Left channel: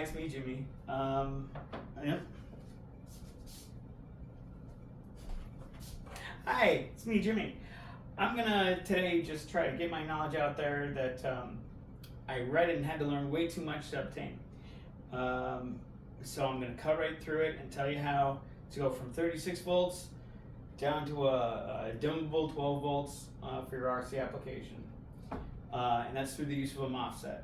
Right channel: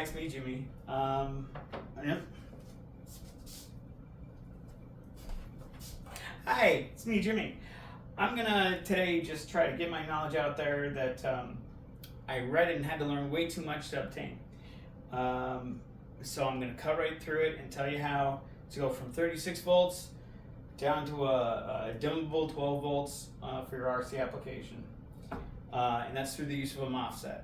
It's me, Jimmy. Yep. Hi, it's me, Jimmy. I'm gonna today just try to get my knowledge out there that I read and had to learn way too much to obtain. So I'm gonna cut right through it and tell you how to go from 36 volts down to a dimmable 12 volts for your RC application. And that's through the use of a MOSFET.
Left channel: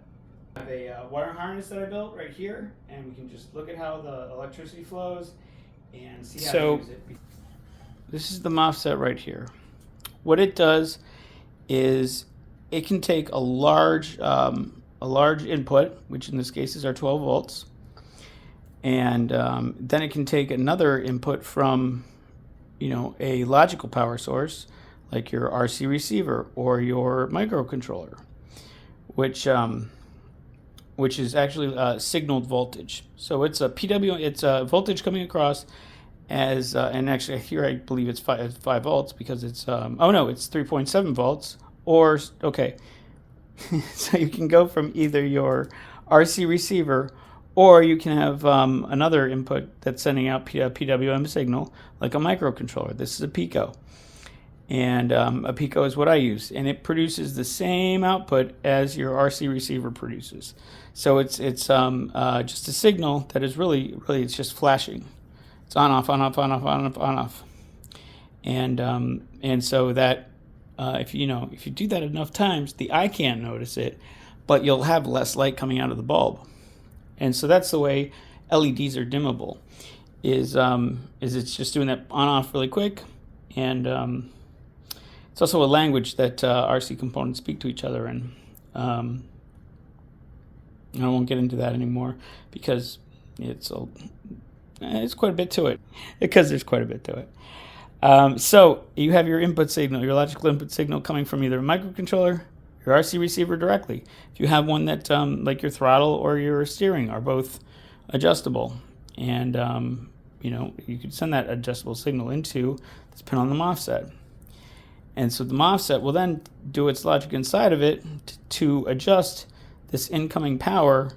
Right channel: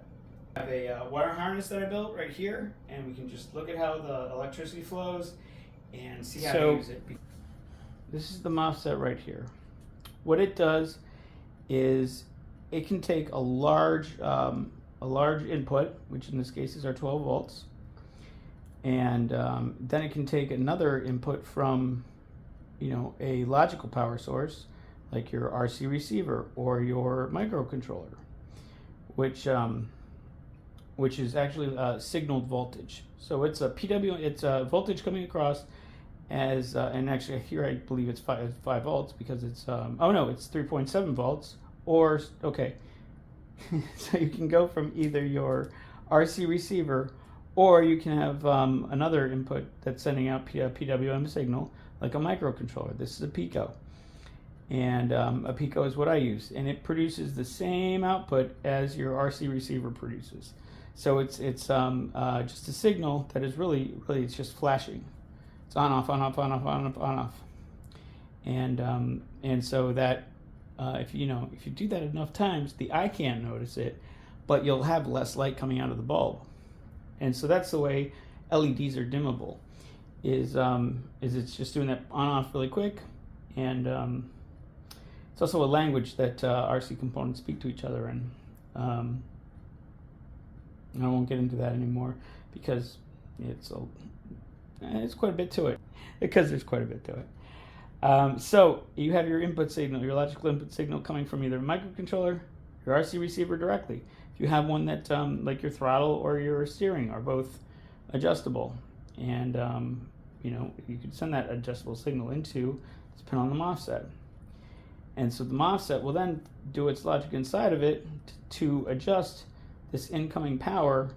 I have a wire harness that I built right here, and we can just look at how the electricity flows and see how to use it. This is the MOSFET right here. What it does is it can take a large input, which in this case is our 12 volts, and then it can take another input from, a logical power source like your RC receiver or your microcontroller, which is actually signaled voltage. So it's a PW, it's a voltage coming across as, and actually here I believe it's 5 volts because it's, oh no, it's 3.7 volts, or, okay. So you can go from either your RC receiver, or you can have another input that's sending out PWM signal, like a microcontroller. This is a Pico. And a Pico is what I use, and it produces the same output as your RC receiver produces. So it's just a signal that is really it's just flashing. It's on off, on off, on off, on off, on off. And so that if you do that enough times, the eye can't notice it, but you'll have less light coming out of the bulb. And so that's the way LEDs are dimmable. Is it's just doing that on off really quick, and it's also a language that RC components speak to each other in. I won't get into that anymore because it's quite a bit to it. Because there's quite a bit to it. So you have your input signal, your logical input signal coming from either a microcontroller, your RC receiver directly. If you have one that, like your throttle or your steering, are both adjustable, and you could send that adjustable signal into this pin on the MOSFET. And so the MOSFET will then do its logic inside of it to adjust this incoming power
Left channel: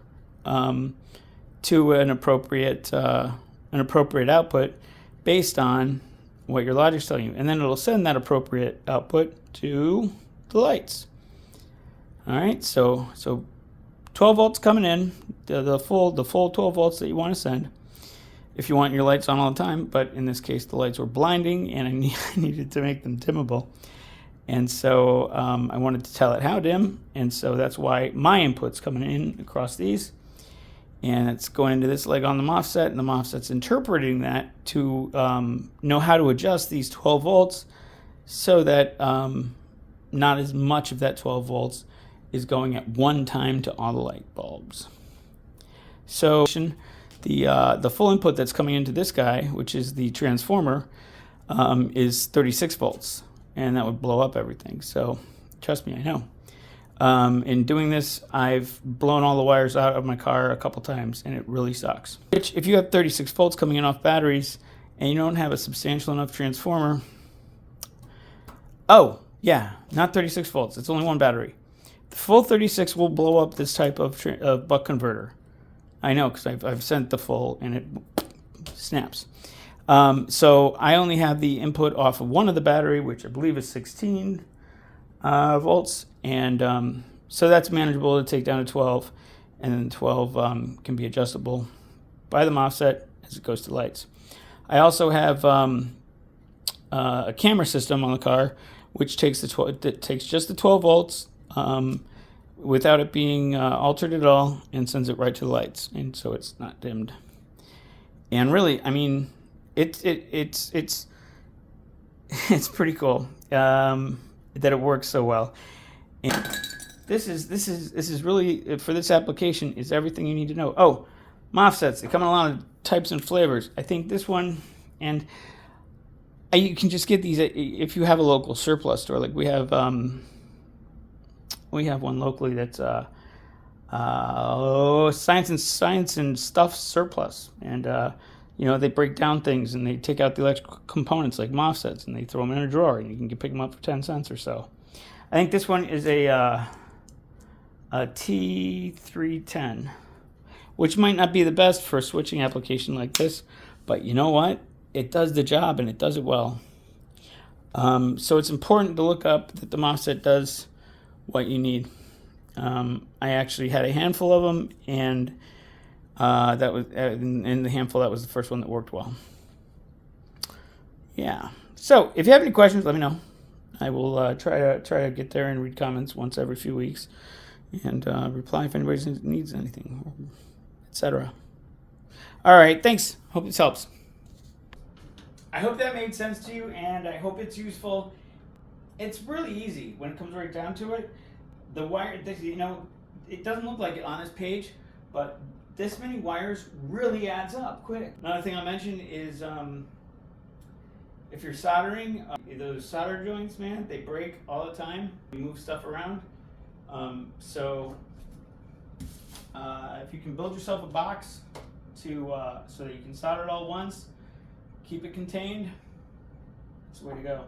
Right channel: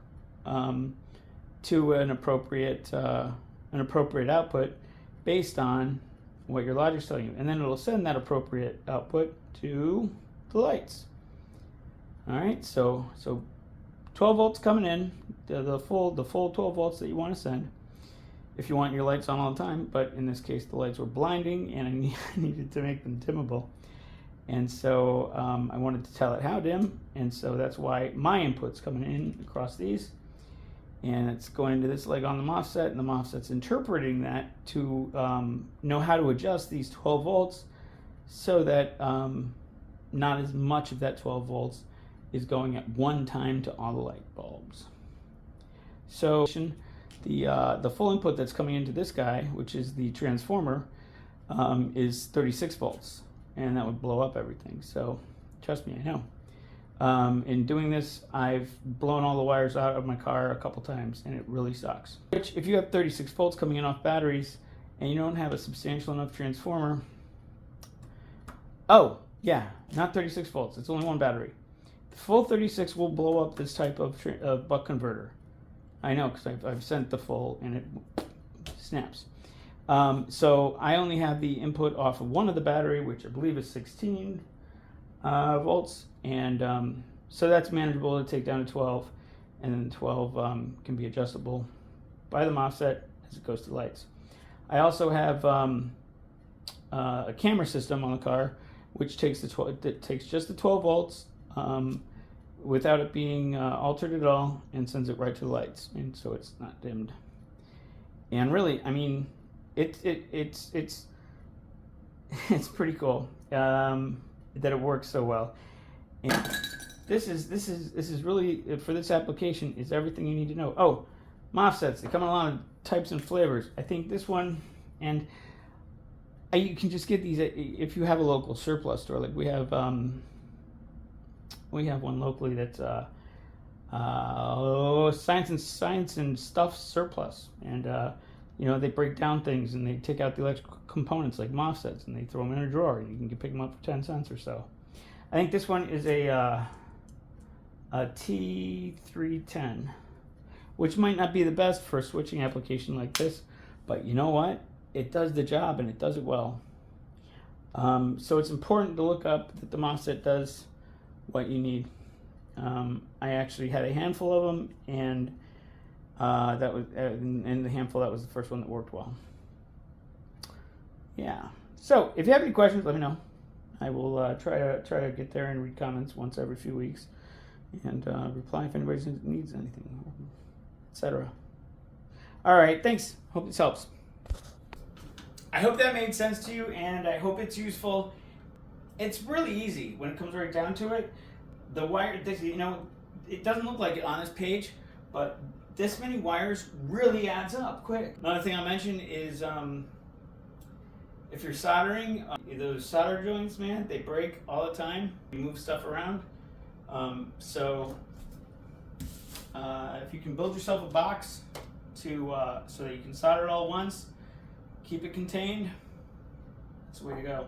to an appropriate output based on what your logic's telling you. And then it'll send that appropriate output to the lights. All right, so 12 volts coming in, the full 12 volts that you want to send, if you want your lights on all the time. But in this case, the lights were blinding, and I needed to make them dimmable. And so I wanted to tell it how dim, and so that's why my input's coming in across these, and it's going into this leg on the MOSFET, and the MOSFET's interpreting that to know how to adjust these 12 volts so that not as much of that 12 volts is going at one time to all the light bulbs. So the full input that's coming into this guy, which is the transformer, is 36 volts. And that would blow up everything. So trust me, I know. In doing this, I've blown all the wires out of my car a couple times, and it really sucks. If you have 36 volts coming in off batteries and you don't have a substantial enough transformer, oh yeah, not 36 volts, it's only one battery. The full 36 will blow up this type of buck converter. I know, because I've sent the full and it snaps. So I only have the input off of one of the battery, which I believe is 16 volts, and so that's manageable to take down to 12, and then 12 can be adjustable by the MOSFET as it goes to lights. I also have a camera system on the car, which takes just the 12 volts without it being altered at all, and sends it right to the lights, and so it's not dimmed. And really, I mean, it's pretty cool that it works so well. And this is really, for this application, is everything you need to know. Oh, MOSFETs, they come in a lot of types and flavors. I think this one, and you can just get these if you have a local surplus store. Like we have one locally that's science and stuff surplus, and they break down things and they take out the electrical components like MOSFETs and they throw them in a drawer, and you can pick them up for 10 cents or so. I think this one is a T310, which might not be the best for a switching application like this, but you know what? It does the job and it does it well. So it's important to look up that the MOSFET does what you need. I actually had a handful of them, and that was in the handful, that was the first one that worked well. Yeah. So if you have any questions, let me know. I will try to get there and read comments once every few weeks, and reply if anybody needs anything, etc. All right. Thanks. Hope this helps. I hope that made sense to you, and I hope it's useful. It's really easy when it comes right down to it. The wire, you know, it doesn't look like it on this page, but this many wires really adds up quick. Another thing I'll mention is if you're soldering, those solder joints, man, they break all the time. You move stuff around. So if you can build yourself a box so that you can solder it all once, keep it contained, that's the way to go.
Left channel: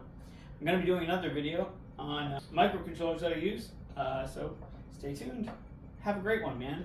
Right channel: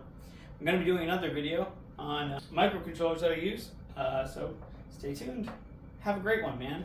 I'm going to be doing another video on microcontrollers that I use, so stay tuned. Have a great one, man.